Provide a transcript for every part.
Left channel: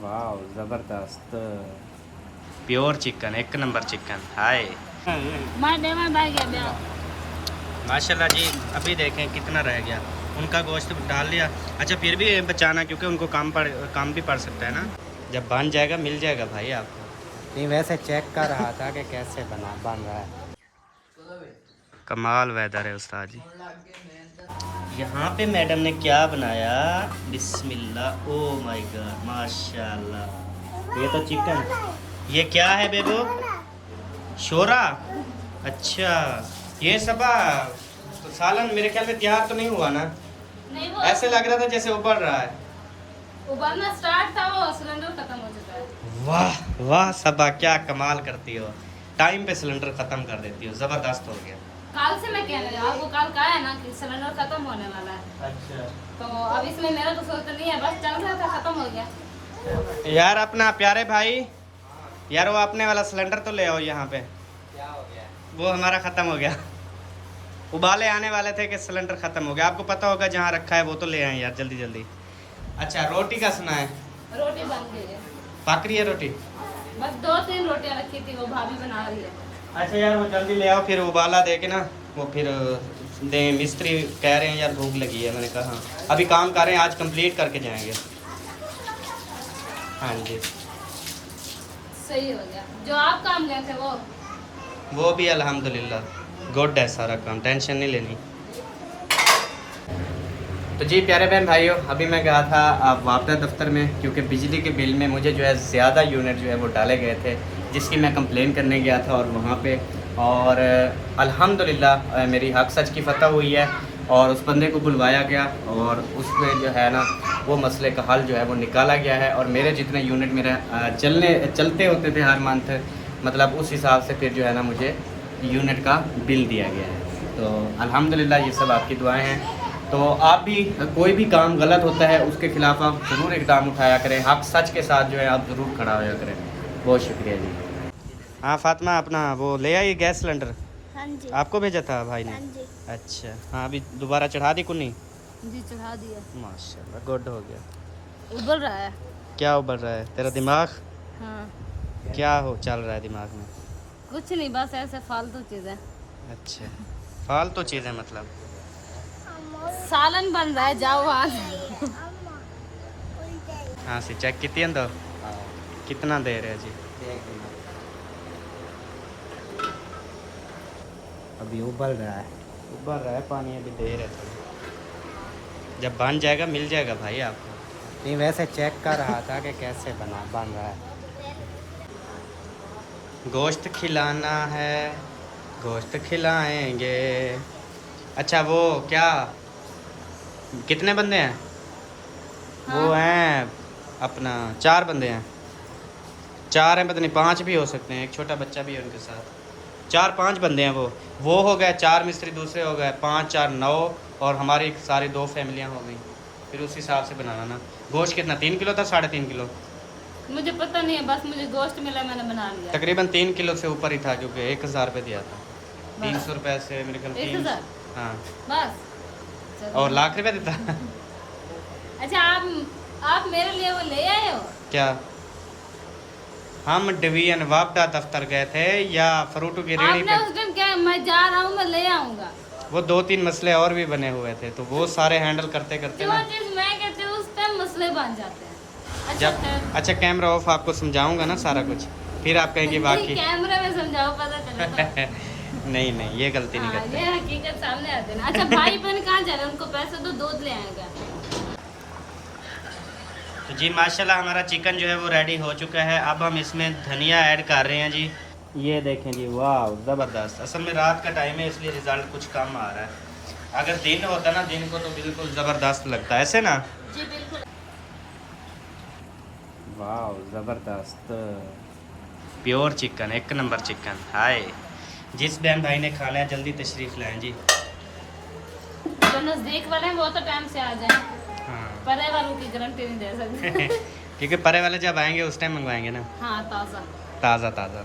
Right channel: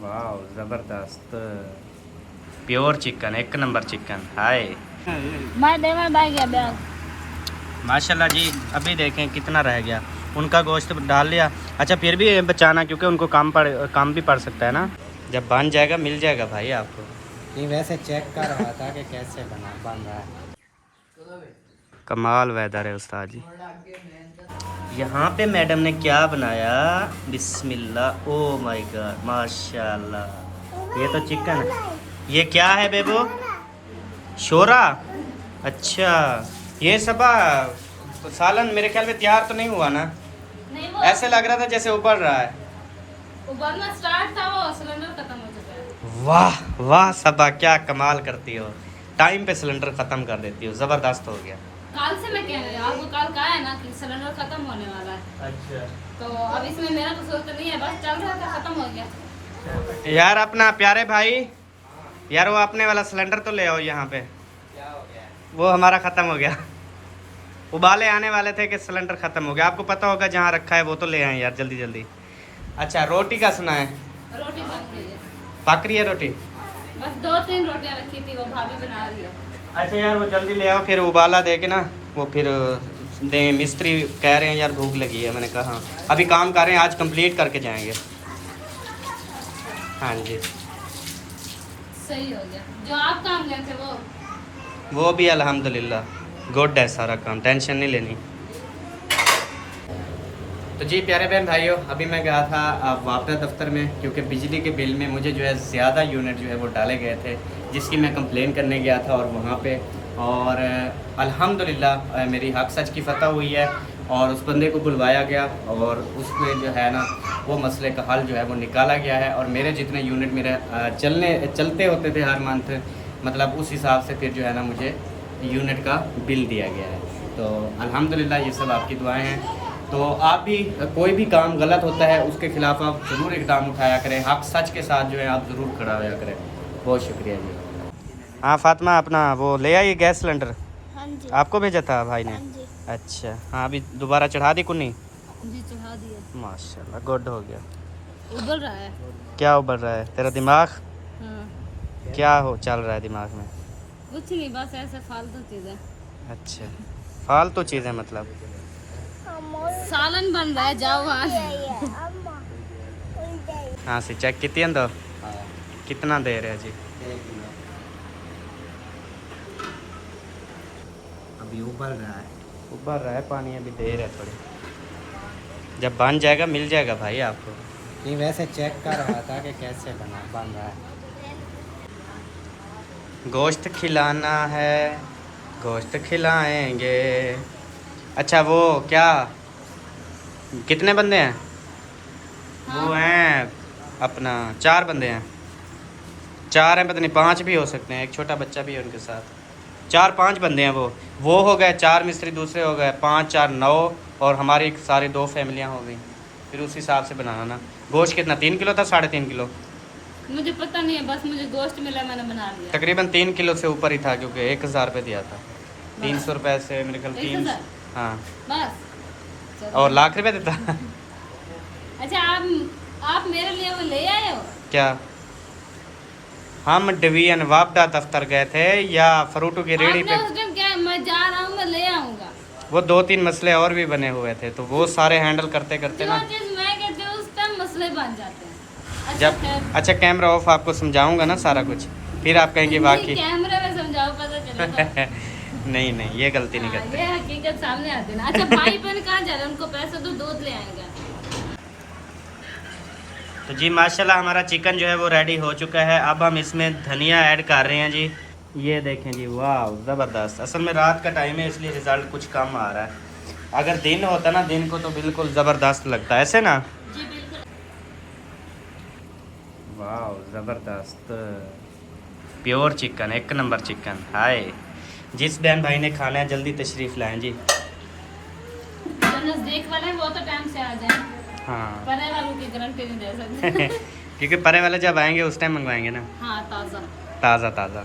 वाह ज़बरदस्त pure chicken, एक नंबर चिकन। हाय माशाल्लाह जी। अभी देखें कितना रह गया, उनका गोश्त डाल लिया। अच्छा फिर भी बचाना, क्योंकि उनको काम भी पड़ सकता है ना। जब बन जाएगा मिल जाएगा भाई आपको। नहीं वैसे चेक कर रहा था कि कैसे बन रहा है। कमाल वेदर है उस्ताद जी। यहाँ पे मैडम ने क्या बनाया, बिस्मिल्लाह, ओ माय गॉड, माशाल्लाह। ये तो चिकन है। ये क्या है बेबो? शोरा। अच्छा ये सबा सालन मेरे ख्याल में तैयार तो नहीं हुआ ना। नहीं, वो ऐसे लग रहा था जैसे उबल रहा है। उबलना स्टार्ट था, वो सिलेंडर खत्म हो चुका है। वाह वाह सबा, क्या कमाल करती हो, टाइम पे सिलेंडर खत्म कर देती हो, जबरदस्त हो गया। काल से मैं कह रही हूँ आपको, कल कहा है ना कि सिलेंडर खत्म होने वाला है। अच्छा तो अब इसमें मेरा कसूर तो नहीं है, बस चल रहा था, खत्म हो गया। यार अपना प्यारे भाई, यार वो अपने वाला सिलेंडर तो ले आओ यहाँ पे। क्या हो गया? वो हमारा खत्म हो गया। उबाले आने वाले थे कि सिलेंडर खत्म हो गया। आपको पता होगा जहाँ रखा है वो तो ले आए यार जल्दी जल्दी। अच्छा रोटी का सुना है? रोटी बन गई है। पक रही है रोटी? बस 2-3 रोटियां रखी थी, वो भाभी बना रही है। अच्छा यार वो जल्दी ले आओ, फिर उबाला दे के ना वो फिर दे। मिस्त्री कह रहे हैं यार भूख लगी है। मैंने कहा हाँ अभी काम कर रहे हैं, आज कंप्लीट करके जाएंगे। हाँ जी सही हो गया। जो आप काम गए थे वो भी अल्हम्दुलिल्लाह गुड है, सारा काम, टेंशन नहीं लेनी। तो जी प्यारे बहन भाइयों, अभी मैं गया था वापदा दफ्तर में, क्योंकि बिजली के बिल में मुझे जो है ज़्यादा यूनिट जो है वो डाले गए थे, जिसकी मैं कंप्लेन करने गया था। और वहाँ पे और अल्हम्दुलिल्लाह मेरी हक सच की फ़तह हुई है, और उस बंदे को बुलवाया गया और उसमें जो है ना वो मसले का हल जो है वो निकाला गया है। और मेरे जितने यूनिट मेरे चलते होते थे हर मंथ, मतलब उस हिसाब से फिर जो है ना मुझे यूनिट का बिल दिया गया है। तो अल्हम्दुलिल्लाह ये सब आपकी दुआएं हैं। तो आप भी कोई भी काम गलत होता है उसके खिलाफ आप ज़रूर इकदाम उठाया करें, हक सच के साथ जो है आप ज़रूर खड़ा होया करें। बहुत शुक्रिया जी। हाँ फातिमा अपना वो ले आई गैस सिलेंडर। हाँ जी आपको भेजा था भाई ने। हाँ जी। अच्छा हाँ अभी दोबारा चढ़ा दी कुन्नी? जी चढ़ा दिया। माशाल्लाह गुड हो गया। उबल रहा है। क्या उबल रहा है तेरा दिमाग? हाँ। क्या हो चल रहा है दिमाग में? कुछ नहीं, बस ऐसे फालतू चीज़ें। अच्छा फालतू चीज़ें मतलब सालन बन रहा है, जाओ वहाँ। हाँ सी चेक कितनी अंदर कितना दे रहे हैं जी? अभी उबल रहा है पानी, अभी देर है थोड़ी, जब बन जाएगा मिल जाएगा भाई आपको। नहीं वैसे चेक कर रहा था कि कैसे बन रहा है। गोश्त खिलाना है, गोश्त खिलाएंगे। अच्छा वो क्या, कितने बंदे हैं? हाँ। वो हैं अपना 4 बंदे हैं। 4 हैं, पता नहीं 5 भी हो सकते हैं, एक छोटा बच्चा भी है उनके साथ। 4-5 बंदे हैं वो हो गए 4 मिस्त्री, दूसरे हो गए 5-4-9, और हमारी सारी 2 फैमिलियां हो गई। फिर उस हिसाब से बनाना ना। गोश्त कितना 3 किलो था, 3.5 किलो? मुझे पता नहीं है, बस मुझे गोश्त मिला मैंने बना लिया। तकरीबन 3 किलो से ऊपर ही था, क्योंकि 1000 रुपये दिया था। 300 रुपये से मेरे ख्याल 3। हाँ बस और लाख रुपये देता। अच्छा आप मेरे लिए वो ले आए हो क्या? हम डिवीजन वापडा दफ्तर गए थे या फ्रूटों की रेडी पे? उस दिन क्या मैं जा रहा हूँ, मैं ले आऊंगा। वो 2-3 मसले और भी बने हुए थे, तो वो सारे हैंडल करते करते ना मैं कहते हूँ उस टाइम मसले बन जाते हैं। अच्छा, जब अच्छा कैमरा ऑफ आपको समझाऊंगा ना सारा कुछ, फिर आप कहेंगे वाकई कैमरे में समझाओ पता चलेगा। नहीं नहीं ये गलती नहीं करते, ये हकीकत सामने आती है ना। अच्छा भाई बहन कहाँ जा रहे हैं, उनको पैसे दो, दूध ले आएगा। तो जी माशाल्लाह हमारा चिकन जो है वो रेडी हो चुका है। अब हम इसमें धनिया ऐड कर रहे हैं जी। ये देखें जी, वाह ज़बरदस्त। असल में रात का टाइम है इसलिए रिज़ल्ट कुछ कम आ रहा है। अगर दिन होता ना, दिन को तो बिल्कुल ज़बरदस्त लगता है ऐसे ना जी बिल्कुल। वाह ज़बरदस्त प्योर चिकन, एक नंबर चिकन। हाय जिस बहन भाई ने खाना है जल्दी तशरीफ़ लाएँ जी। नज़दीक वाले वो तो टाइम से आ जाए। हाँ परे वालों की गारंटी नहीं दे सकते। क्योंकि परे वाले जब आएंगे उस टाइम मंगवाएंगे ना। हाँ ताज़ा ताज़ा ताज़ा।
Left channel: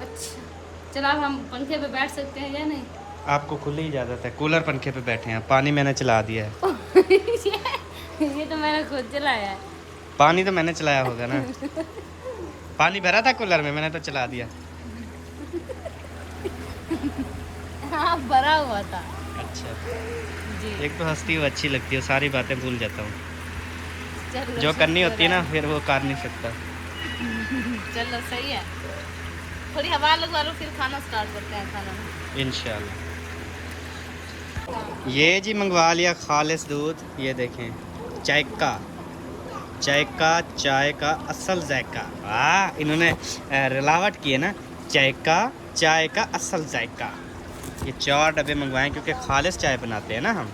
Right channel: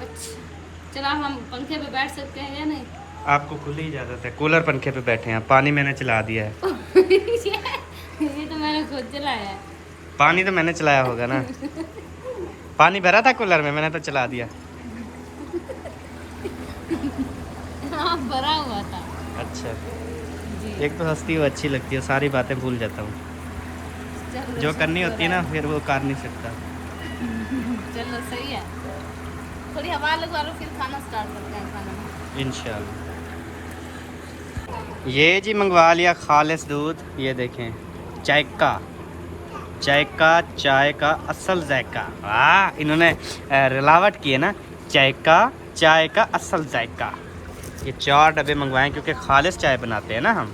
अच्छा चलो हम पंखे पे बैठ सकते हैं या नहीं? आपको खुली इजाज़त है, कूलर पंखे पे बैठे हैं, पानी मैंने चला दिया है। ये तो मैंने खुद चलाया है। पानी तो मैंने चलाया होगा ना। पानी भरा था कूलर में, मैंने तो चला दिया। हाँ भरा हुआ था। अच्छा जी। एक तो हंसती हो अच्छी लगती है, सारी बातें भूल जाता हूँ। चलो जो करनी होती है ना शुक्र फिर वो कर नहीं सकता। चलो सही है, थोड़ी हवा लगवा लो फिर खाना स्टार्ट करते हैं खाना। इंशाल्लाह। ये जी मंगवा लिया खालिस दूध, ये देखें चाय का चाय का असल जायका। वाह इन्होंने रिलावट की है ना, चाय का असल जायका। ये 4 डब्बे मंगवाए क्योंकि खालिस चाय बनाते हैं ना हम।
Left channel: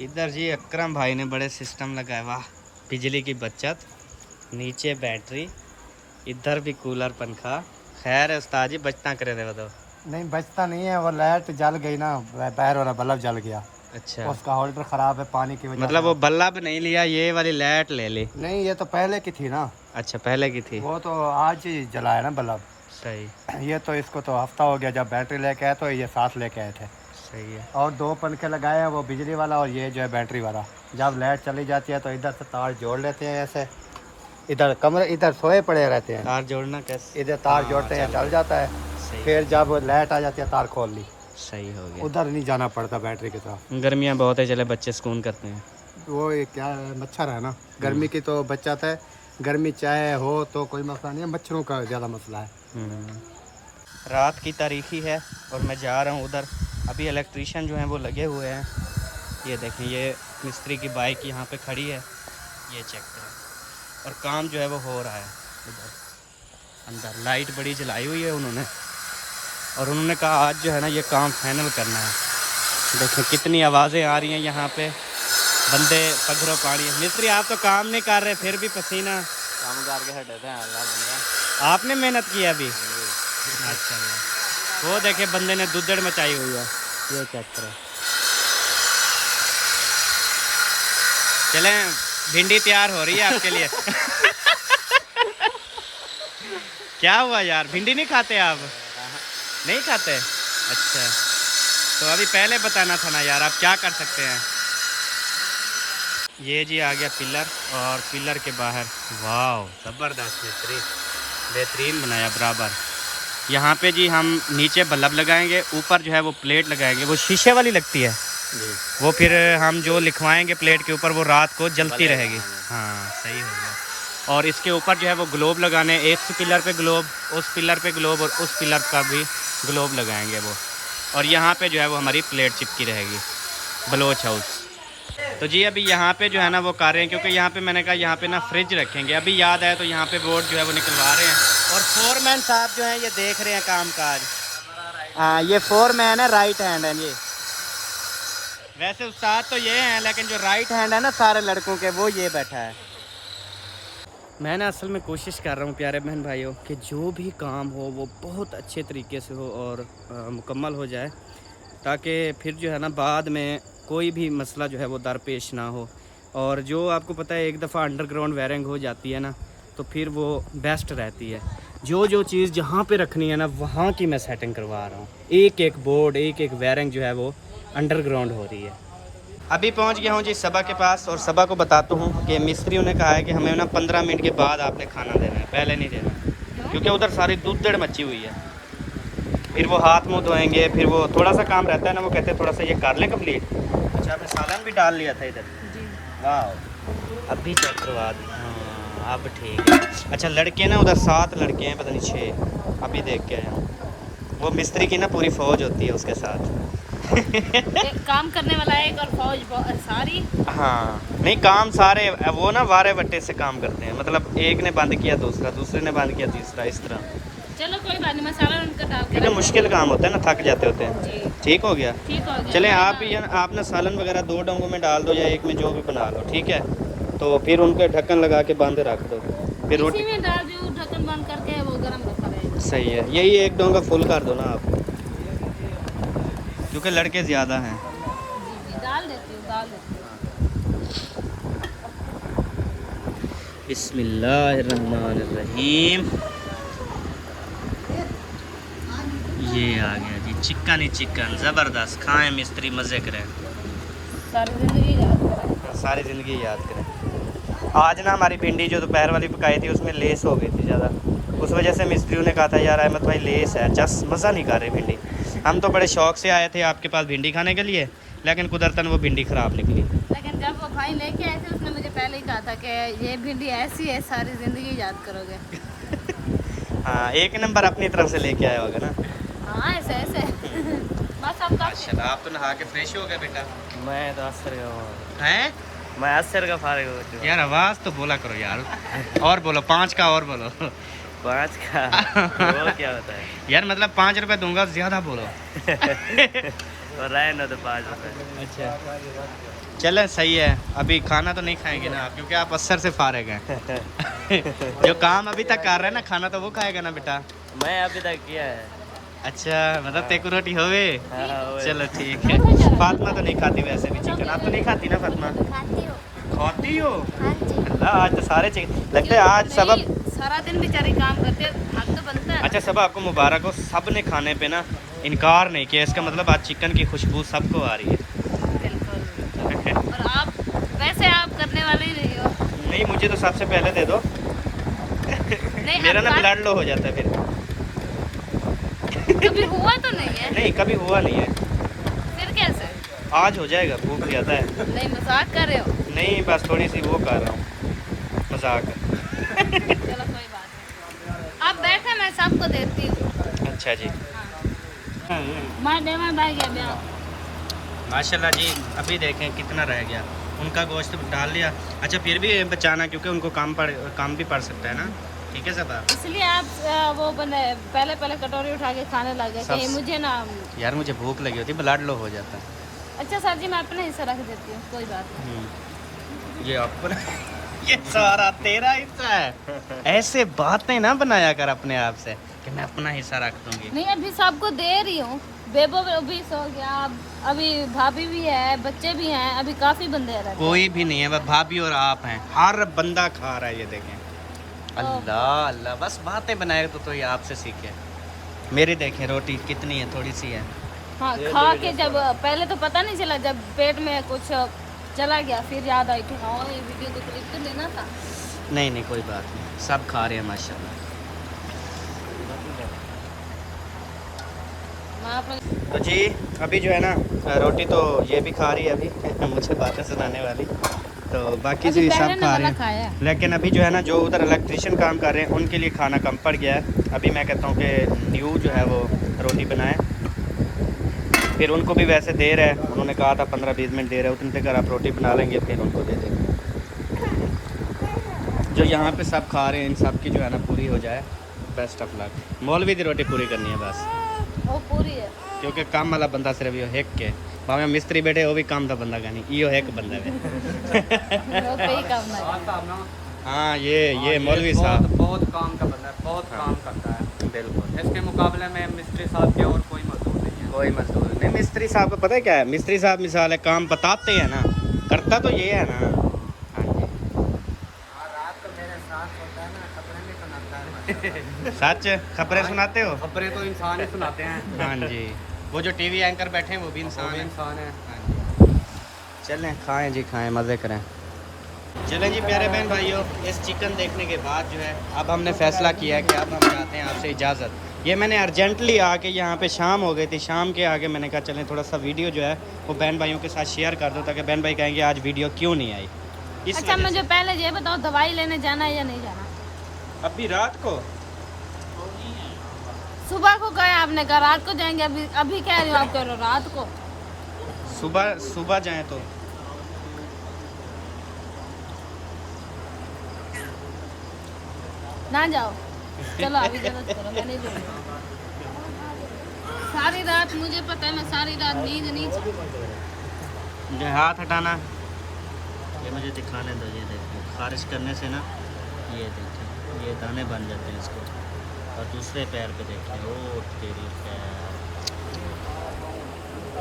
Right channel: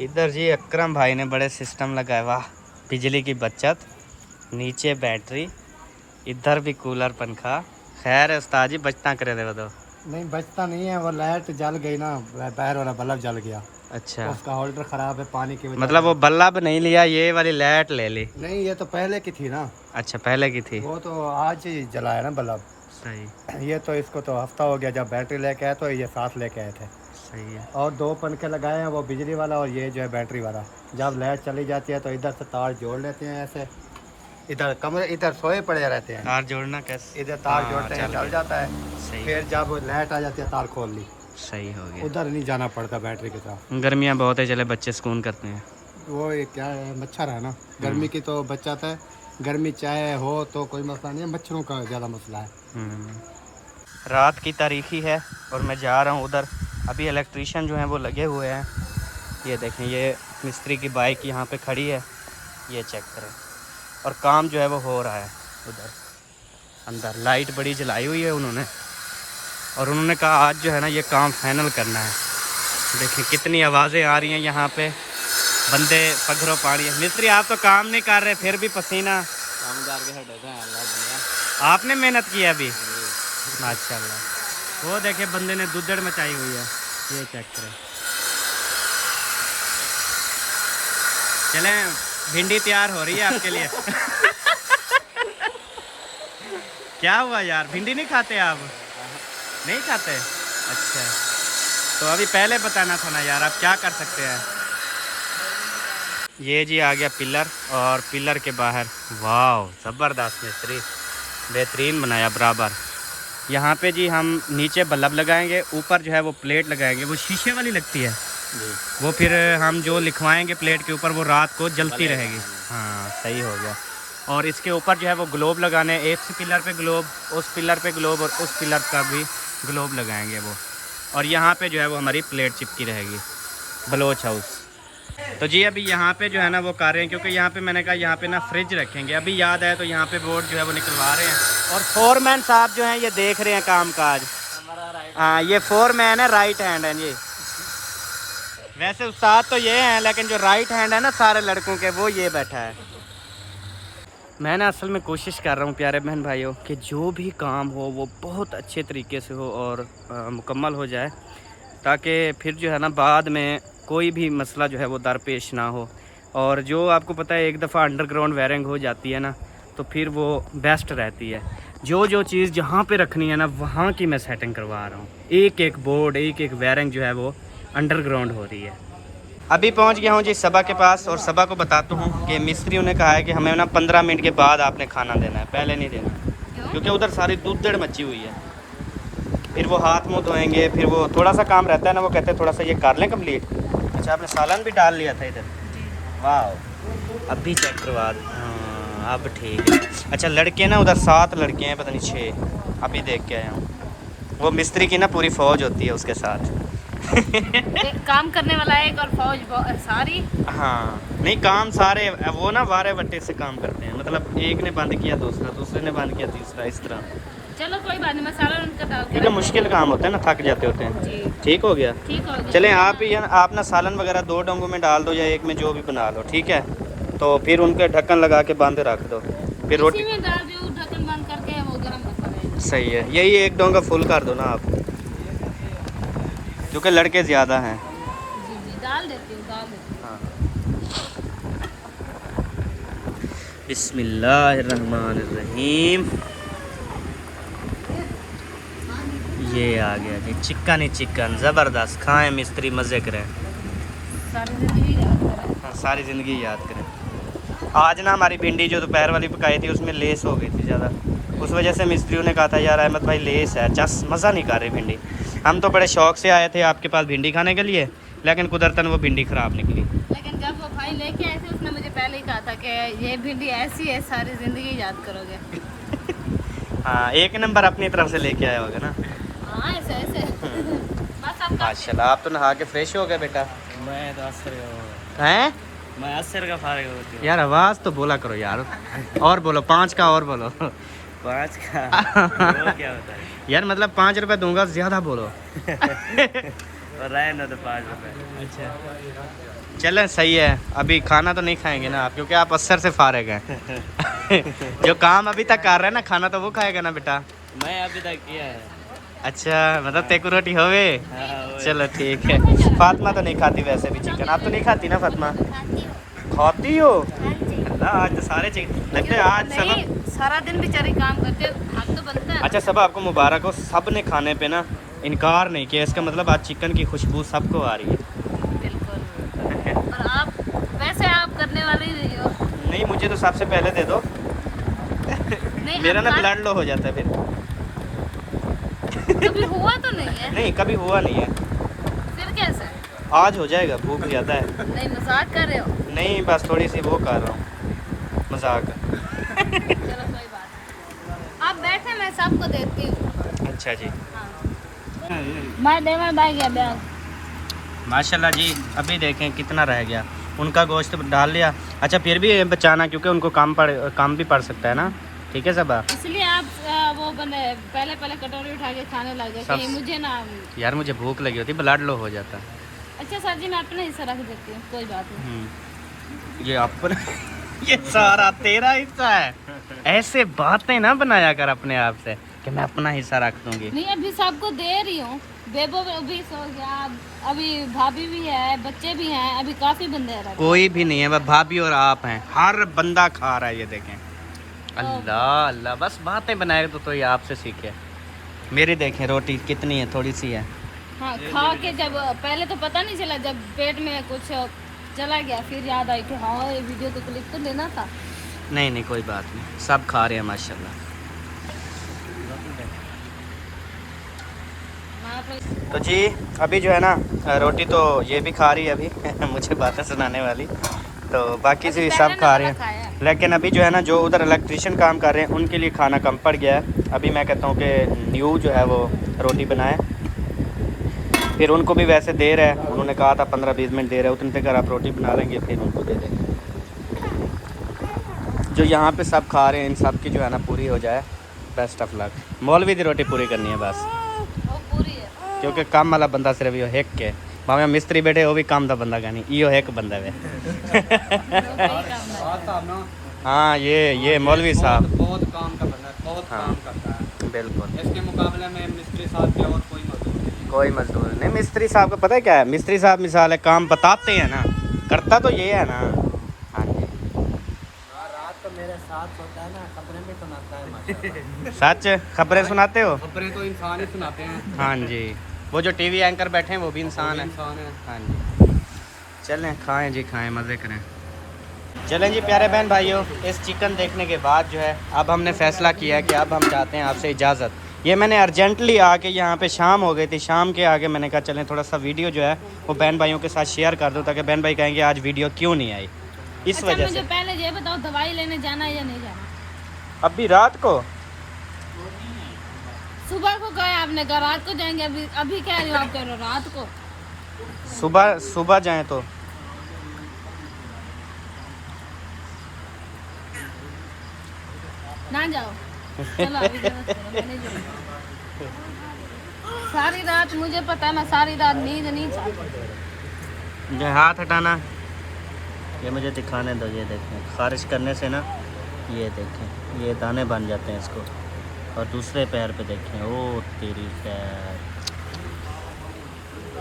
इधर जी अकरम भाई ने बड़े सिस्टम लगाए, वाह बिजली की बचत, नीचे बैटरी, इधर भी कूलर पंखा। खैर है उस्ताद जी, बचता करे थे वो तो। नहीं बचता नहीं है, वो लाइट जल गई ना, बाहर वाला बल्ब जल गया। अच्छा उसका होल्डर खराब है पानी की वजह मतलब से। वो बल्ब नहीं लिया, ये वाली लाइट ले ली। नहीं ये तो पहले की थी ना। अच्छा पहले की थी। वो तो आज ही जलाया ना बल्ब। सही ये तो इसको तो हफ्ता हो गया, जब बैटरी लेके आए तो ये साथ लेके आए थे। सही है। और 2 पंखे लगाए हैं, वो बिजली वाला और ये जो है बैटरी वाला। जब लाइट चली जाती है तो इधर से तार जोड़ लेते हैं ऐसे, इधर कमरे इधर सोए पड़े रहते हैं। तार जोड़ना कैसे? इधर तार हाँ, जोड़ते हैं, चल चल गया। जाता है। सही फिर जब लाइट आ जाती है तार खोल ली, सही हो गया। उधर नहीं जाना पड़ता बैटरी के साथ। गर्मियाँ बहुत है, चले बच्चे सुकून करते हैं। वो ये क्या है, मच्छर है ना, गर्मी की तो बचत है। गर्मी चाहे हो तो कोई मसला नहीं है, मच्छरों का ज़्यादा मसला है। रात की तारीखी है और मैं जा रहा हूँ उधर। अभी इलेक्ट्रीशियन जो हैं वो लगे हुए हैं। ये देखें, ये मिस्त्री की बाइक यहाँ पे खड़ी है, ये चेक करें। और काम जो है वो हो रहा है उधर अंदर। लाइट बड़ी जलाई हुई है उन्होंने, और उन्होंने कहा आज जो है ना ये काम फाइनल करना है। देखें कितनी आवाज़ें आ रही हैं यहाँ पे, बंदे पत्थरों पानी है। मिस्त्री आप तो काम नहीं कर रहे फिर भी पसीना काम करके हटे थे, अल्लाह बंदा। आपने मेहनत की है अभी माशाल्लाह। वो देखे बंदे ने दुद्धड़ मचाई हुई है, ये चेक करें। चलें भिंडी तैयार हो रही है आपके लिए। क्या हुआ यार, भिंडी नहीं खाते आप? नहीं खाते? अच्छा तो अभी पहले बताना था ना यार, आप क्या कर सकते हैं। ये जी आ गया पिलर, और पिलर के बाहर वाह ज़बरदस्त मिस्त्री, बेहतरीन बनाया बराबर। यहाँ पे जी हम नीचे बल्ब लगाएंगे, ऊपर जो है वो प्लेट लगाएंगे, वो शीशे वाली लगती है जी। वो फिर हम जो लिखवाएंगे प्लेट के ऊपर वो रात को जलती भले रहेगी। हाँ। हाँ सही हो गया। और इसके ऊपर जो है वो ग्लोब लगाने, एक पिलर पे ग्लोब, उस पिलर पे ग्लोब, और उस पिलर का भी ग्लोब लगाएंगे वो। और यहाँ पे जो है वो हमारी प्लेट चिपकी रहेगी, बलोच हाउस। तो जी अभी यहाँ पे जो है ना वो कर रहे हैं, क्योंकि यहाँ पे मैंने कहा यहाँ पे ना फ्रिज रखेंगे। अभी याद आया तो यहाँ पे बोर्ड जो है वो निकलवा रहे हैं। और फोरमैन साहब जो हैं ये देख रहे हैं काम काज। हाँ ये फोरमैन है, राइट हैंड है जी। वैसे उस्ताद तो ये हैं, लेकिन जो राइट हैंड है ना सारे लड़कों के, वो ये बैठा है। मैं ना असल में कोशिश कर रहा हूँ प्यारे बहन भाइयों कि जो भी काम हो वो बहुत अच्छे तरीके से हो और मुकम्मल हो जाए, ताकि फिर जो है ना बाद में कोई भी मसला जो है वो दरपेश ना हो। और जो आपको पता है एक दफ़ा अंडरग्राउंड वायरिंग हो जाती है ना तो फिर वो बेस्ट रहती है। जो चीज़ जहाँ पे रखनी है ना वहाँ की मैं सेटिंग करवा रहा हूँ। एक एक बोर्ड, एक एक वायरिंग जो है वो अंडरग्राउंड हो रही है। अभी पहुंच गया हूं जी सबा के पास, और सबा को बताता हूं कि मिस्त्रियों ने कहा है कि हमें ना 15 मिनट के बाद आपने खाना देना है, पहले नहीं देना, क्योंकि उधर सारी दुद्धड़ मची हुई है। फिर वो हाथ मुँह धोएंगे, फिर वो थोड़ा सा काम रहता है ना, वो कहते हैं थोड़ा सा ये कर लें कंप्लीट। अच्छा आपने सालन भी डाल लिया था इधर? वाह अभी चेक करवा, हाँ अब ठीक है। अच्छा लड़के ना उधर 7 लड़के हैं, पता नहीं 6, अभी देख के आया हूँ। वो मिस्त्री की ना पूरी फ़ौज होती है उसके साथ। एक काम करने वाला है, एक और फौज सारी। हाँ नहीं काम सारे वो ना वारे वट्टे से काम करते हैं, मतलब एक ने बंद किया दूसरा, दूसरे ने बंद किया तीसरा, इस तरह। चलो कोई बात नहीं, मसाला उनका डाल के क्योंकि मुश्किल काम होता है ना, थक जाते होते हैं। जी ठीक हो गया? ठीक हो गया। चलें आप ही आप ना सालन वगैरह 2 डोंगों में डाल दो या एक में, जो भी बना लो ठीक है। तो फिर उनके ढक्कन लगा के बांध रख दो, फिर रोटी इसी में डाल दो, ढक्कन बंद करके वो गरम रखा रहेगा। सही है। यही 1 डोंगा फुल कर दो ना आप, क्योंकि लड़के ज़्यादा हैं। जी जी डाल देती हूँ, डाल देती हूँ। बिस्मिल्लाहिर्रहमानिर्रहीम। ये आ गया जी चिकन ही चिकन, ज़बरदस्त। खाएं मिस्त्री, मज़े करें, सारी जिंदगी याद करें। हाँ, सारी ज़िंदगी याद करें। आज ना हमारी भिंडी जो दोपहर वाली पकाई थी उसमें लेस हो गई थी ज़्यादा, उस वजह से मिस्त्रियों ने कहा था यार अहमद भाई लेस है, जस मज़ा नहीं कर रही भिंडी। हम तो बड़े शौक से आए थे आपके पास भिंडी खाने के लिए, लेकिन कुदरतन वो भिंडी ख़राब निकली। लेकिन जब वो भाई लेके आए थे उसने मुझे पहले ही कहा था कि ये भिंडी ऐसी है सारी ज़िंदगी याद करोगे। हाँ, एक नंबर अपनी तरफ से लेके आया होगा ना। हाँ ऐसे ऐसे बस अब माशाल्लाह, आप तो नहा के फ्रेश हो गए बेटा। मैं तो असर का हूँ, हैं मैं असर का फारिग हो चुका। यार आवाज़ तो बोला करो यार, और बोलो 5 का और बोलो। 5 का वो क्या होता है? यार मतलब 5 रुपए दूंगा, ज़्यादा बोलो। और रहे ना तो 5 रुपए। अच्छा चलें, सही है। अभी खाना तो नहीं खाएंगे ना आप, क्योंकि आप असर से फारिग हैं। जो काम अभी तक कर रहे हैं ना, खाना तो वो खाएगा ना बेटा। मैं अभी तक किया है। अच्छा, मतलब तेको रोटी होवे। हाँ, वही। चलो ठीक है। फातिमा तो नहीं खाती वैसे भी चिकन, आप तो नहीं खाती ना फातिमा? खाती हो। खाती हो? हाँ जी। अल्लाह, आज तो सारे चिकन लगते हैं। आज सबब, नहीं, सारा दिन बेचारी काम करते हैं, हक तो बनता है। अच्छा सब आपको मुबारक हो, सब ने खाने पे ना इनकार नहीं किया। इसका मतलब आज चिकन की खुशबू सबको आ रही है। बिल्कुल। और आप वैसे आप करने वाले ही नहीं हो। नहीं, मुझे तो सबसे पहले दे दो। नहीं, मेरा हम ना बात- ब्लड लो हो जाता है फिर। कभी हुआ तो नहीं है। नहीं, कभी हुआ नहीं है। फिर कैसे? आज हो जाएगा, भूख ज़्यादा है। नहीं मजाक कर रहे हो। नहीं, बस थोड़ी सी वो कर रहा हूँ, मजाक। चलो कोई बात नहीं, आप बैठे मैं सबको देती हूँ। अच्छा जी, हाँ। मैं देवा भाई गया ब्याह। माशाल्लाह जी। अभी देखें कितना रह गया, उनका गोश्त डाल लिया। अच्छा फिर भी बचाना, क्योंकि उनको काम भी पड़ सकता है ना। ठीक है सब। इसलिए आप वो बने पहले कटोरी उठा के खाने लगे सब- कहीं मुझे ना। यार मुझे भूख लगी होती, ब्लड लो हो जाता। अच्छा सर जी, मैं अपना हिस्सा रख देती हूँ, कोई बात नहीं। ये अपना ये सारा तेरा हिस्सा है। ऐसे बातें ना बनाया कर अपने आप से कि मैं अपना हिस्सा रख दूंगी। नहीं अभी सबको दे रही हूँ। बेबो भी सो गया, अभी भाभी भी है, बच्चे भी हैं, अभी काफी बंदे हैं। कोई भी नहीं है, बस भाभी और आप हैं। हर बंदा खा रहा है, ये देखें। अल्लाह अल्लाह, बस बातें बनाए तो ये आपसे सीखे। मेरी देखें रोटी कितनी है, थोड़ी सी है। हाँ खा के जब पहले तो पता नहीं चला, जब पेट में कुछ चला गया फिर याद आई कि हाँ ये वीडियो तो क्लिक तो लेना था। नहीं नहीं, कोई बात नहीं, सब खा रहे हैं माशाल्लाह। मैं अपना तो जी अभी जो है ना, रोटी तो ये भी खा रही है अभी मुझे बातें सुनाने वाली, तो बाकी से भी सब खा रहे हैं। लेकिन अभी जो है ना, जो उधर इलेक्ट्रिशियन काम कर रहे हैं उनके लिए खाना कम पड़ गया है। अभी मैं कहता हूँ कि न्यू जो है वो रोटी बनाए, फिर उनको भी वैसे दे रहे हैं। उन्होंने कहा था 15-20 मिनट दे रहे हैं, उतने तक आप रोटी बना लेंगे फिर उनको दे देंगे। जो यहाँ पे सब खा रहे हैं इन सब की जो है ना पूरी हो जाए, बेस्ट ऑफ लक। मौलवी की रोटी पूरी करनी है बस, वो पूरी है। क्योंकि काम वाला बंदा सिर्फ यो हिक के, भावे मिस्त्री बैठे वो भी काम का बंदा का नहीं, यो एक बंदा है। वो कई करना है। हाँ ये मौलवी साहब बहुत काम का बंदा है, बहुत हाँ। काम करता है। बिल्कुल, इसके मुकाबले में मिस्त्री साहब के और कोई मजदूर नहीं है। कोई मजदूर नहीं। मिस्त्री साहब का पता है क्या है, मिस्त्री साहब मिसाल है काम बताते हैं ना, करता तो ये है ना। हाँ जी, रात को मेरे साथ होता है ना, खबरें भी सुनाता है। सच खबरें सुनाते हो? खबरें तो इंसान ही सुनाते हैं। हाँ जी, वो जो टीवी एंकर बैठे हैं वो भी इंसान है। इंसान है। हाँ जी, चलें खाएं जी, खाएं, मज़े करें। चलें जी प्यारे बहन भाइयों, इस चिकन देखने के बाद जो है अब हमने फ़ैसला किया है कि अब हम चाहते हैं आपसे इजाज़त। ये मैंने अर्जेंटली आके यहाँ पे शाम हो गई थी, शाम के आगे मैंने कहा चलें थोड़ा सा वीडियो जो है वो बहन भाइयों के साथ शेयर कर दो, ताकि बहन भाई कहेंगे आज वीडियो क्यों नहीं आई। इस अच्छा वजह मुझे से पहले ये बताओ, दवाई लेने जाना है या नहीं जाना? अभी रात को सुबह को कहा आपने, कहा रात को जाएंगे, अभी कह रही हो आप, कह रहे हो रात को। सुबह जाएं तो ना जाओ, चलो अभी जरूरत करो, मैं नहीं जाऊंगी। सारी रात मुझे पता है, मैं सारी रात नींद नहीं चाहती। ये हाथ हटाना, ये मुझे दिखाने दो। ये देखें, खारिज करने से ना ये देखें ये दाने बन जाते हैं इसको। और दूसरे पैर पे देखें, ओ तेरी खैर।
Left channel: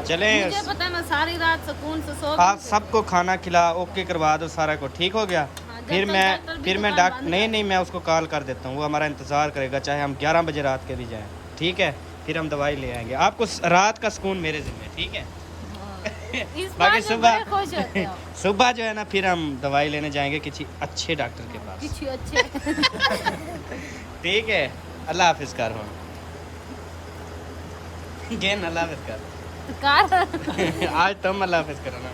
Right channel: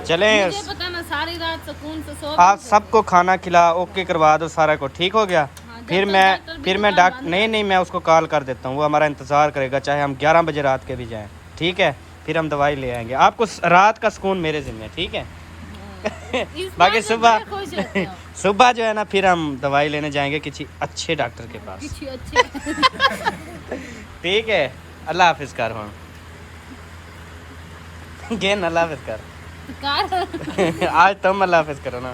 चलें, मुझे पता है मैं सारी रात सुकून से सो आप सबको खाना खिला ओके करवा दो, सारा को ठीक हो गया। हाँ, फिर जब तक मैं डॉक्टर भी फिर मैं दुकान डॉक्टर बंद नहीं मैं उसको कॉल कर देता हूँ, वो हमारा इंतज़ार करेगा, चाहे हम 11 बजे रात के भी जाएं। ठीक है, फिर हम दवाई ले आएंगे। आपको रात का सुकून मेरे ज़िम्मे, ठीक है? हाँ, इस बाकी बात में सुबह बड़े खुश होते हो। सुबह जो है ना फिर हम दवाई लेने जाएंगे किसी अच्छे डॉक्टर के पास। किसी अच्छे ठीक है, अल्लाह हाफिज कर हुन गेन अल्लाह हाफिज कर। कार आज तुम अल्लाह हाफिज करो ना।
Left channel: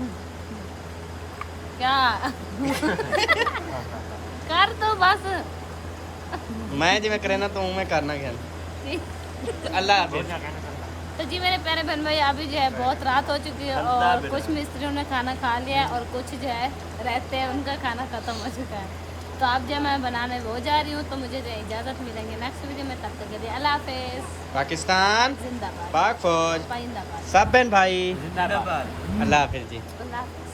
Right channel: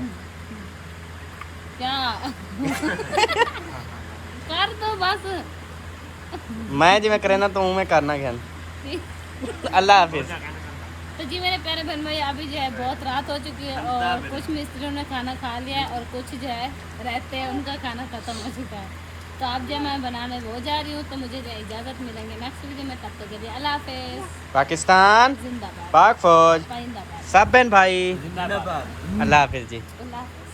क्या कर तो बस मैं जिवें करे ना तू मैं करना ज्ञान। अल्लाह हाफिज। तो जी मेरे प्यारे बहन भाई, अभी जो है बहुत रात हो चुकी है और कुछ मिस्त्रियों ने खाना खा लिया है और कुछ जो है रहते हैं उनका खाना खत्म हो चुका है। तो अब जो मैं बनाने वो जा रही हूँ, तो मुझे जो है इजाज़त मिलेंगे नेक्स्ट वीडियो में, तब तक के लिए अल्लाह हाफिज़। पाकिस्तान जिंदाबाद पाक फौज पाइंदाबाद सब बहन भाई जिंदाबाद। अल्लाह हाफिज जी। अल्लाह हाफिज़।